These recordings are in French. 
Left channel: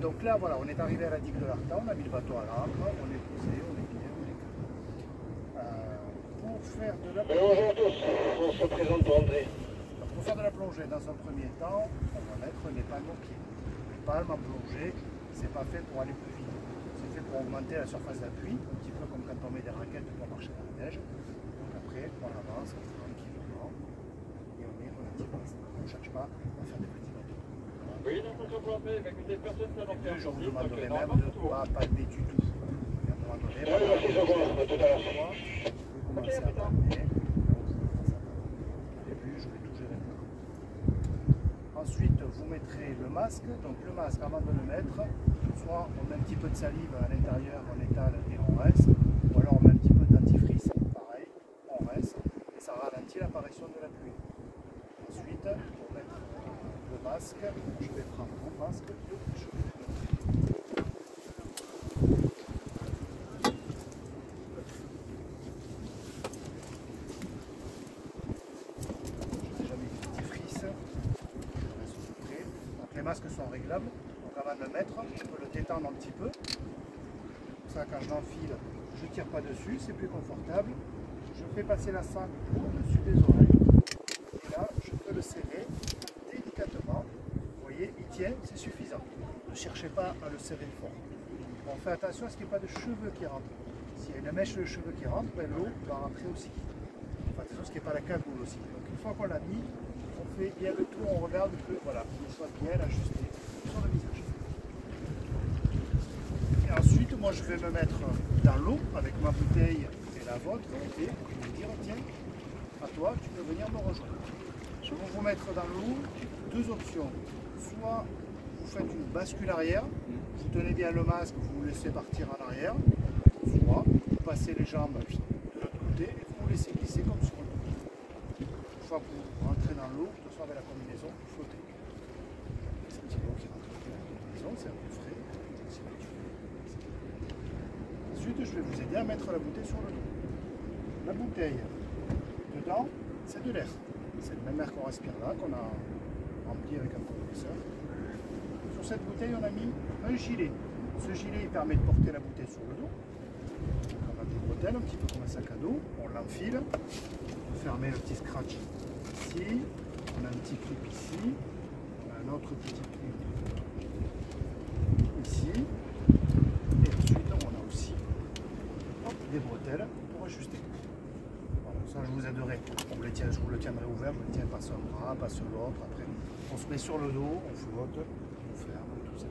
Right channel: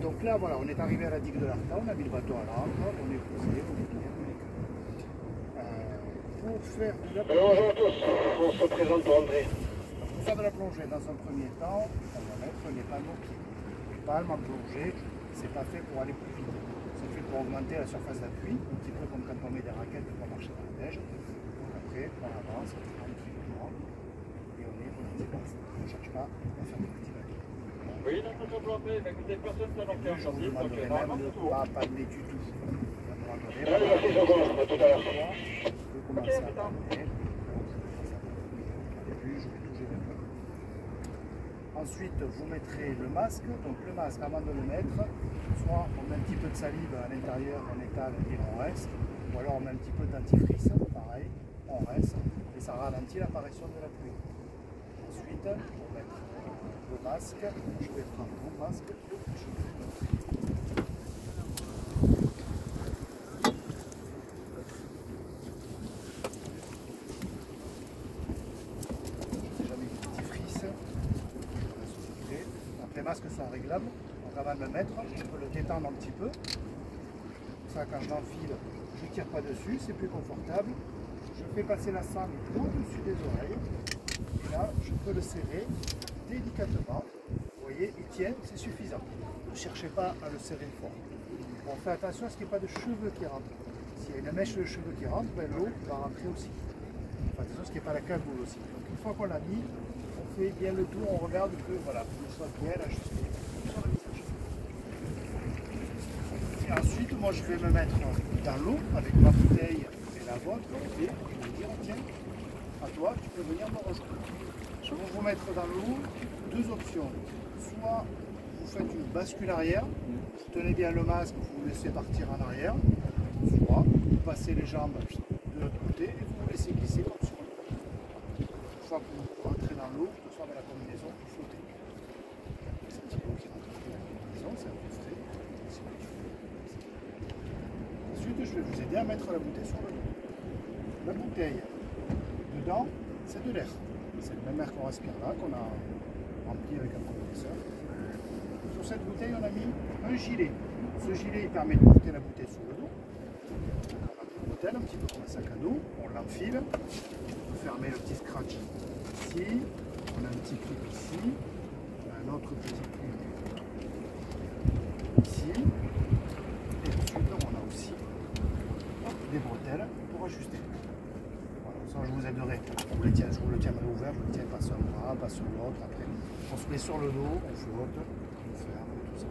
Donc là, voilà, on est arrivé à la digue de l'Arta, on a mis le bateau à l'ancre, on est posé, on est bien, on est calme. Pour faire de la plongée. Bonjour tous, on se présente pour André. Pour faire de la plongée, dans un premier temps, on va mettre les palmes aux pieds. Les palmes en plongée, c'est pas fait pour aller plus vite. C'est fait pour augmenter la surface d'appui, un petit peu comme quand on met des raquettes pour marcher dans la neige. Donc après, on avance tranquillement et on est relativement. On ne cherche pas à faire des petits bateaux. Oui, donc on peut appeler, mais écoutez, personne ne s'en fait. Je vous demanderai même de ne pas palmer du tout. À un moment donné, Allez, merci, je vous remercie, à tout à l'heure. je vais commencer à palmer. Au début, je vais tout gérer. Ensuite, vous mettrez le masque. Donc le masque, avant de le mettre, soit on met un petit peu de salive à l'intérieur, on étale et on reste, ou alors on met un petit peu de dentifrice, pareil, on reste, et ça ralentit l'apparition de la pluie. Ensuite, pour mettre le masque, je vais prendre mon masque. Les masques sont réglables, donc avant de le mettre, je peux le détendre un petit peu. Comme ça, quand je l'enfile, je ne tire pas dessus, c'est plus confortable. Je fais passer la sangle au-dessus des oreilles. Et là, je peux le serrer délicatement. Vous voyez, il tient, c'est suffisant. Ne cherchez pas à le serrer fort. On fait attention à ce qu'il n'y ait pas de cheveux qui rentrent. S'il y a une mèche de cheveux qui rentre, ben, l'eau va rentrer aussi. On fait attention à ce qu'il n'y ait pas la cagoule aussi. Donc une fois qu'on l'a mis, on fait bien le tour, on regarde que voilà, il soit bien ajusté sur le visage. Et ensuite, moi je vais me mettre dans l'eau avec ma bouteille et la vôtre et je vais dire tiens, à toi, tu peux venir me rejoindre. Je vais vous mettre dans l'eau deux options. Soit vous faites une bascule arrière, vous tenez bien le masque, vous laissez partir en arrière, soit vous passez les jambes de l'autre côté et vous vous laissez glisser comme sur l'eau. Une fois que vous rentrez dans l'eau, que ce soit avec la combinaison, vous flottez. C'est un petit peu qui rentre dans la combinaison, c'est un peu frais. Ensuite, je vais vous aider à mettre la bouteille sur le dos. La bouteille, dedans, c'est de l'air. C'est le même air qu'on respire là, qu'on a rempli avec un compresseur. Sur cette bouteille, on a mis un gilet. Ce gilet, il permet de porter la bouteille sur le dos. On a une bouteille, un petit peu comme un sac à dos, on l'enfile. Fermer le petit scratch ici, on a un petit truc ici, un autre petit truc ici, et ensuite on a aussi des bretelles pour ajuster. Voilà, ça je vous aiderai, je vous le tiendrai ouvert, je vous le tiens pas sur un bras, pas sur l'autre, après on se met sur le dos, on flotte, on ferme, tout ça.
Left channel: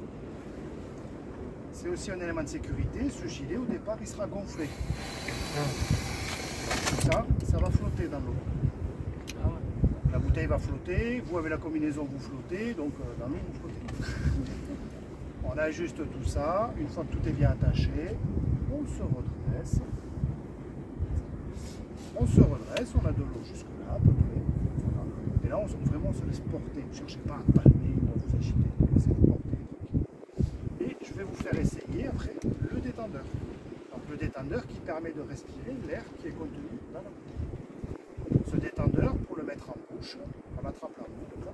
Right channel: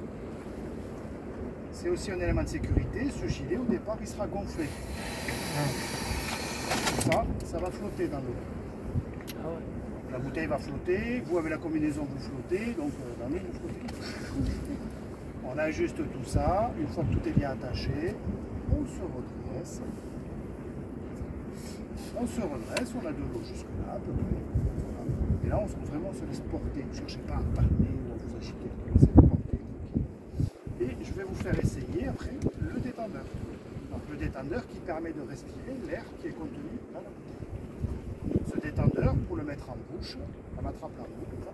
C'est aussi un élément de sécurité, ce gilet au départ il sera gonflé. Ça va flotter dans l'eau. Ah ouais. La bouteille va flotter, vous avez la combinaison, vous flottez, donc dans l'eau vous flottez. On ajuste tout ça, une fois que tout est bien attaché, on se redresse. On se redresse, on a de l'eau jusque là à peu près. Et là on se laisse porter, ne cherchez pas à palmer ou à vous agiter, laissez-vous porter. Et je vais vous faire essayer après le détendeur. Donc le détendeur qui permet de respirer l'air qui est contenu dans la bouteille. Ce détendeur, pour le mettre en bouche, on attrape la bouche comme ça.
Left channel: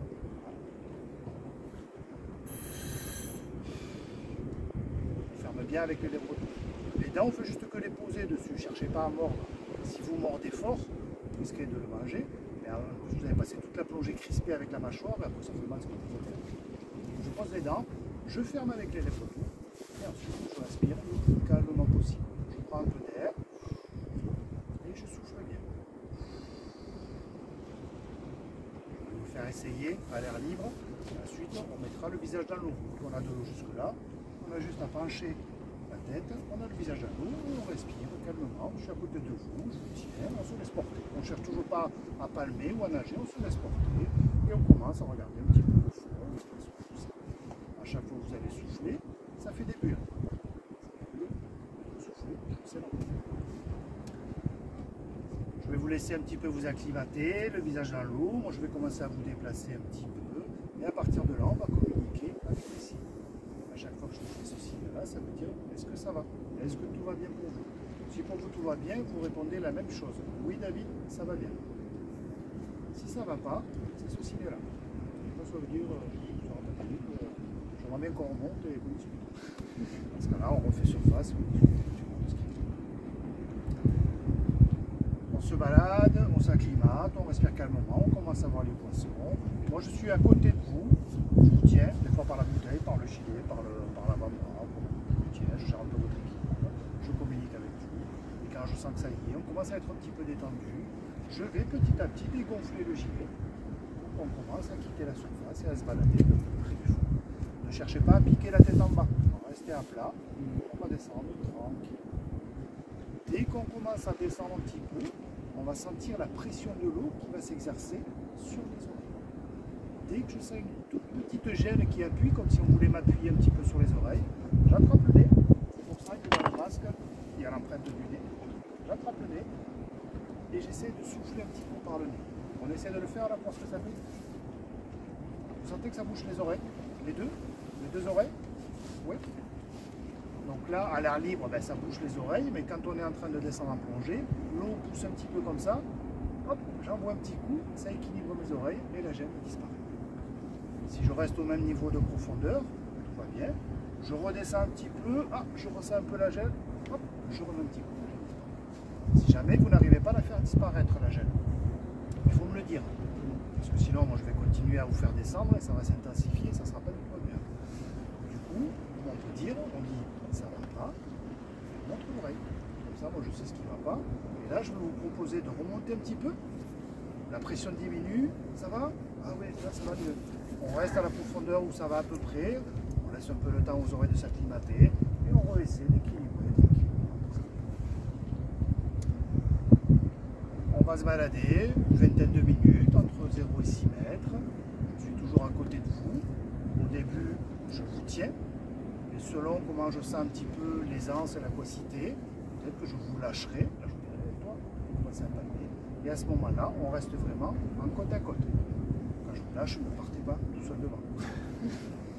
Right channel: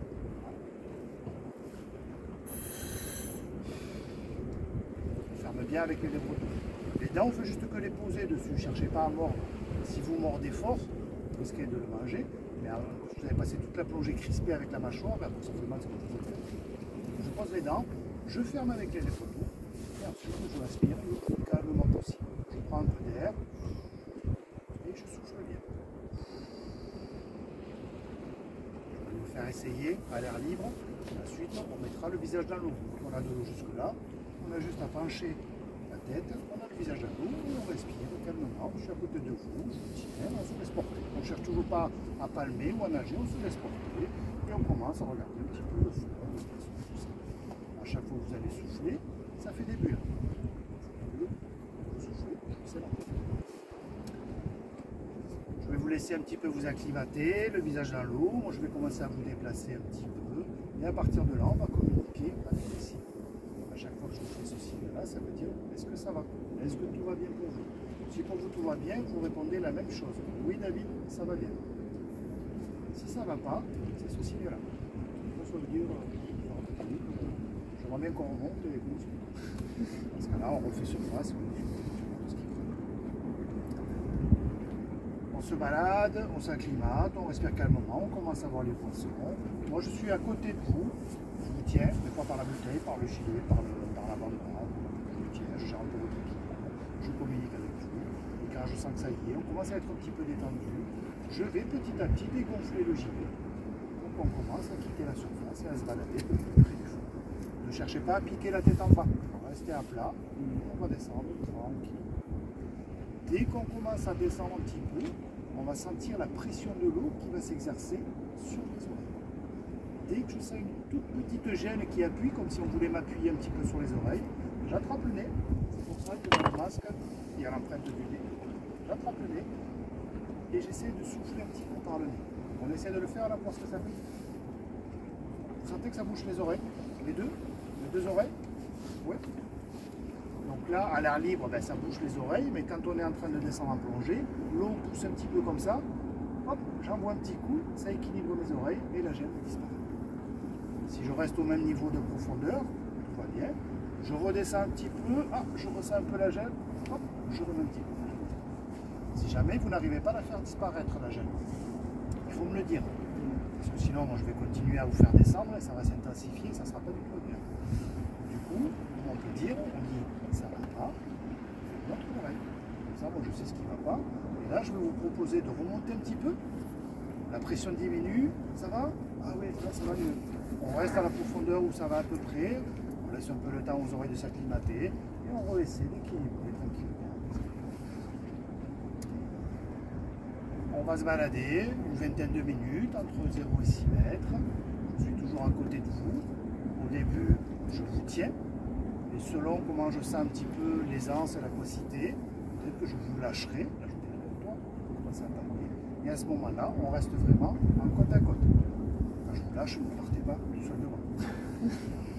On ferme bien avec les lèvres. Les dents, on fait juste que les poser dessus. Ne cherchez pas à mordre. Si vous mordez fort, vous risquez de le manger. Mais vous avez passé toute la plongée crispée avec la mâchoire, après ça fait mal, ça vous fait. Je pose les dents, je ferme avec les lèvres. Et ensuite, je respire le plus calmement possible. Je prends un peu d'air et je souffle bien. Je vais vous faire essayer à l'air libre. Et ensuite, on mettra le visage dans l'eau. On a de l'eau jusque-là. On a juste à pencher la tête. On a le visage dans l'eau. On respire calmement. Je suis à côté de vous. Je tiens. On se laisse porter. On ne cherche toujours pas à palmer ou à nager. On se laisse porter. Et on commence à regarder un petit peu le fond. À chaque fois que vous allez souffler, ça fait des bulles. Je vais vous laisser un petit peu vous acclimater, le visage dans l'eau. Moi, je vais commencer à vous déplacer un petit peu. Et à partir de là, on va communiquer avec ici. À chaque fois que je fais ceci là, ça veut dire est-ce que ça va? Est-ce que tout va bien pour vous? Si pour vous tout va bien, vous répondez la même chose. Oui, David, ça va bien. Si ça ne va pas, c'est ceci là. Ça veut dire je J'aimerais bien qu'on remonte et qu'on discute. Parce que là, on refait surface. On se balade, on s'acclimate, on respire calmement, on commence à voir les poissons. Moi, je suis à côté de vous. Je vous tiens, des fois par la bouteille, par le gilet, par l'avant-bras. Je vous tiens, je gère un peu votre équilibre. Je communique avec vous. Et quand je sens que ça y est, on commence à être un petit peu détendu. Je vais petit à petit dégonfler le gilet. Donc on commence à quitter la surface et à se balader de près du fond. Ne cherchez pas à piquer la tête en bas. On va rester à plat. On va descendre tranquille. Dès qu'on commence à descendre un petit peu, on va sentir la pression de l'eau qui va s'exercer sur les oreilles. Dès que je sens une toute petite gêne qui appuie, comme si on voulait m'appuyer un petit peu sur les oreilles, j'attrape le nez. C'est pour ça que dans le masque, il y a l'empreinte de nez. J'attrape le nez et j'essaie de souffler un petit peu par le nez. On essaie de le faire là pour ce que ça fait. Vous sentez que ça bouge les oreilles? Les deux oreilles? Oui. Donc là, à l'air libre, ben, ça bouge les oreilles, mais quand on est en train de descendre en plongée, l'eau pousse un petit peu comme ça, hop, j'envoie un petit coup, ça équilibre mes oreilles et la gêne disparaît. Si je reste au même niveau de profondeur, tout va bien, je redescends un petit peu, je ressens un peu la gêne, hop, je remets un petit coup. Si jamais vous n'arrivez pas à la faire disparaître la gêne, il faut me le dire, parce que sinon moi, je vais continuer à vous faire descendre et ça va s'intensifier, ça ne sera pas du tout bien. Du coup, on peut dire, on dit ça va pas, notre oreille. Comme ça, moi je sais ce qui ne va pas. Et là, je vais vous proposer de remonter un petit peu. La pression diminue, ça va? Ah oui, là ça va mieux. On reste à la profondeur où ça va à peu près. On laisse un peu le temps aux oreilles de s'acclimater. Et on essaie d'équilibrer tranquillement. On va se balader une vingtaine de minutes, entre 0 et 6 mètres. Je suis toujours à côté de vous. Au début, je vous tiens. Et selon comment je sens un petit peu l'aisance et l'aquacité, peut-être que je vous lâcherai. Là, je vous dirai, toi, on va s'attaquer. Et à ce moment-là, on reste vraiment en côte à côte. Quand je vous lâche, ne partez pas tout seul devant.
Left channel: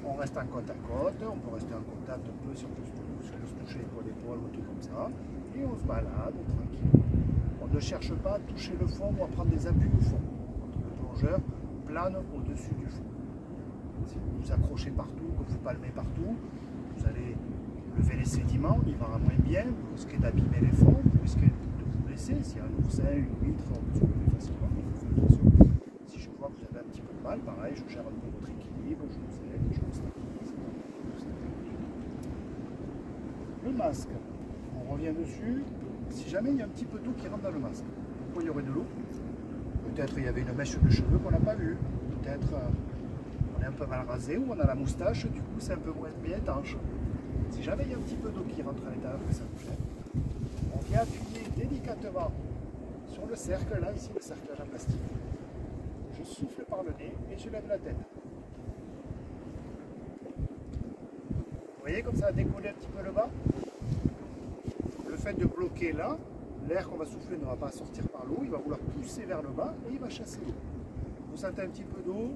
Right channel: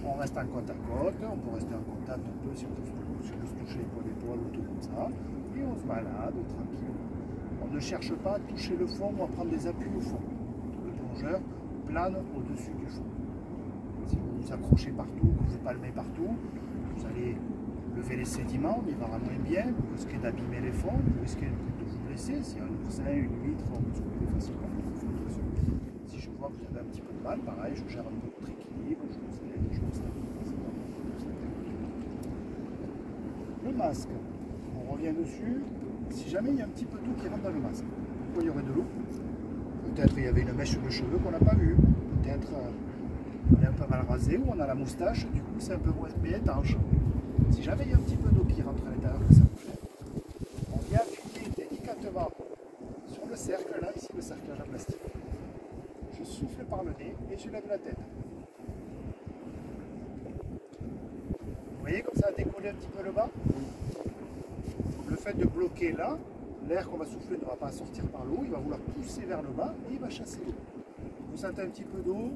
On reste en côte à côte, on peut rester en contact un peu si on peut se toucher épaule à épaule ou tout comme ça. Et on se balade tranquille. On ne cherche pas à toucher le fond ou à prendre des appuis au fond. Le plongeur plane au-dessus du fond. Si vous vous accrochez partout, que vous palmez partout, vous allez lever les sédiments, il va moins bien, vous risquez d'abîmer les fonds, vous risquez de vous blesser. S'il y a un oursin, une huître, on peut se couler facilement. Si je vois que vous avez un petit peu de mal, pareil, je gère un peu votre équilibre, je vous aide, je vous stabilise. Le masque, on revient dessus. Si jamais il y a un petit peu d'eau qui rentre dans le masque, pourquoi il y aurait de l'eau? Peut-être il y avait une mèche de cheveux qu'on n'a pas vue, peut-être on est un peu mal rasé ou on a la moustache, du coup c'est un peu moins étanche. Si jamais il y a un petit peu d'eau qui rentre à l'intérieur, que ça vous fait, on vient appuyer délicatement sur le cercle, là, ici le cerclage en plastique. Je souffle par le nez et je lève la tête. Vous voyez comme ça a décollé un petit peu le bas? Le fait de bloquer là, l'air qu'on va souffler ne va pas sortir par l'eau, il va vouloir pousser vers le bas et il va chasser l'eau. Vous sentez un petit peu d'eau,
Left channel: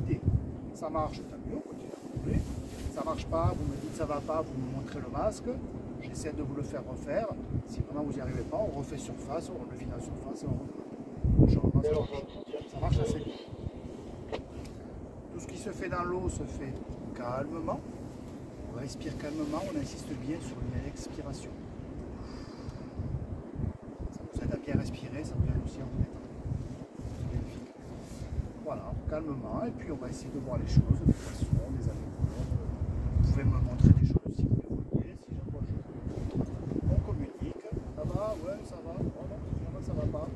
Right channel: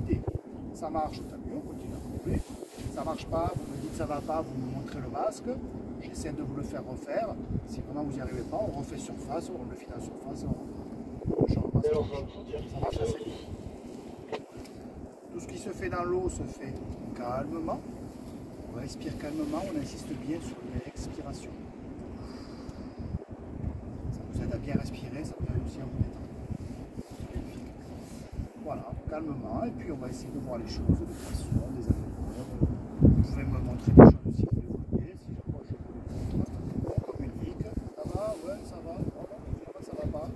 videz. Ça marche, tant mieux, on continue à couper. Ça ne marche pas, vous me dites ça ne va pas, vous me montrez le masque. J'essaie de vous le faire refaire. Si vraiment vous n'y arrivez pas, on refait surface, on le vide en surface et on reprend. Ça marche assez vite. Tout ce qui se fait dans l'eau se fait calmement. On respire calmement, on insiste bien sur l'expiration. Ça vous aide à bien respirer, ça vous aide aussi à vous mettre. Voilà, calmement, et puis on va essayer de voir les choses de façon des améliorées. Vous pouvez me montrer des choses si vous le voulez, si je vois, on communique. Ça va, ouais, ça va, ça va pas.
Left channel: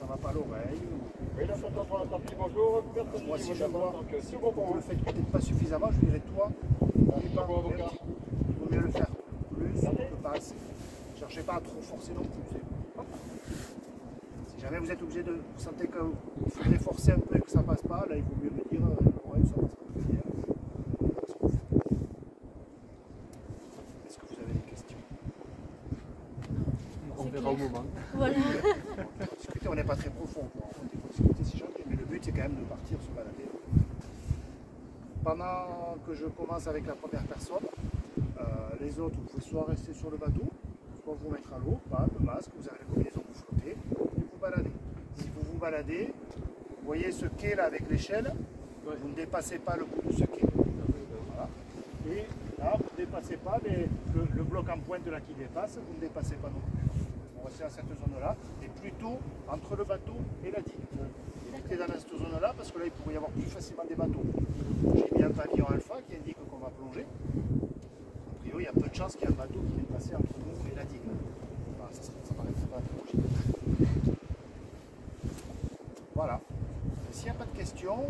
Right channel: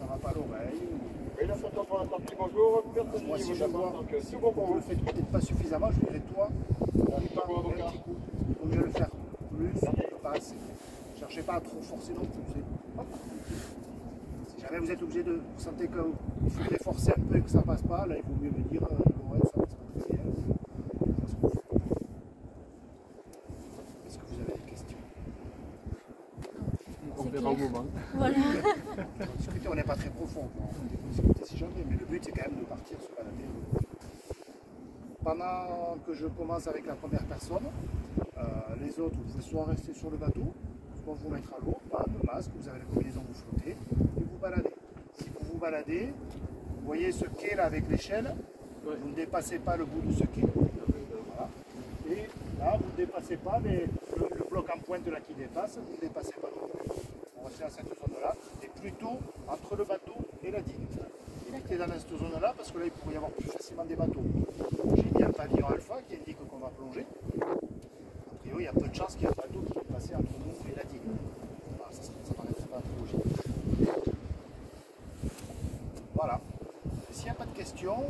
Ça va pas à l'oreille. Oui, là, pour la partie, bonjour. Moi, si je vois que vous le faites peut-être pas suffisamment, je dirais toi, n'oublie pas, un petit coup. Il vaut mieux le faire plus, je passe. Ne cherchez pas à trop forcer non plus. Hop. Si jamais vous êtes obligé de, vous sentez que vous faut forcer un peu et que ça passe pas, là il vaut mieux me dire ouais, ça passe pas très bien. Est-ce que vous avez des questions? On verra au moment. Voilà. Discuter, on n'est pas très profond. On discute si gentil, mais le but c'est quand même de partir se balader. Pendant que je commence avec la première personne, les autres, vous pouvez soit rester sur le bateau, soit vous mettre à l'eau, pas le masque, vous avez les combinaisons, vous flottez, et vous baladez. Si vous vous baladez, vous voyez ce quai là avec l'échelle, vous ne dépassez pas le bout de ce quai. Voilà. dépassez pas le bloc en pointe là qui dépasse, vous ne dépassez pas non plus. On reste dans cette zone-là, et plutôt entre le bateau et la digue. Évitez dans cette zone-là, parce que là, il pourrait y avoir plus facilement des bateaux. J'ai mis un pavillon alpha qui indique qu'on va plonger. A priori, il y a peu de chances qu'il y ait un bateau qui vienne passer entre nous et la digue. Enfin, ça ne paraîtrait pas trop logique. Voilà. S'il n'y a pas de questions,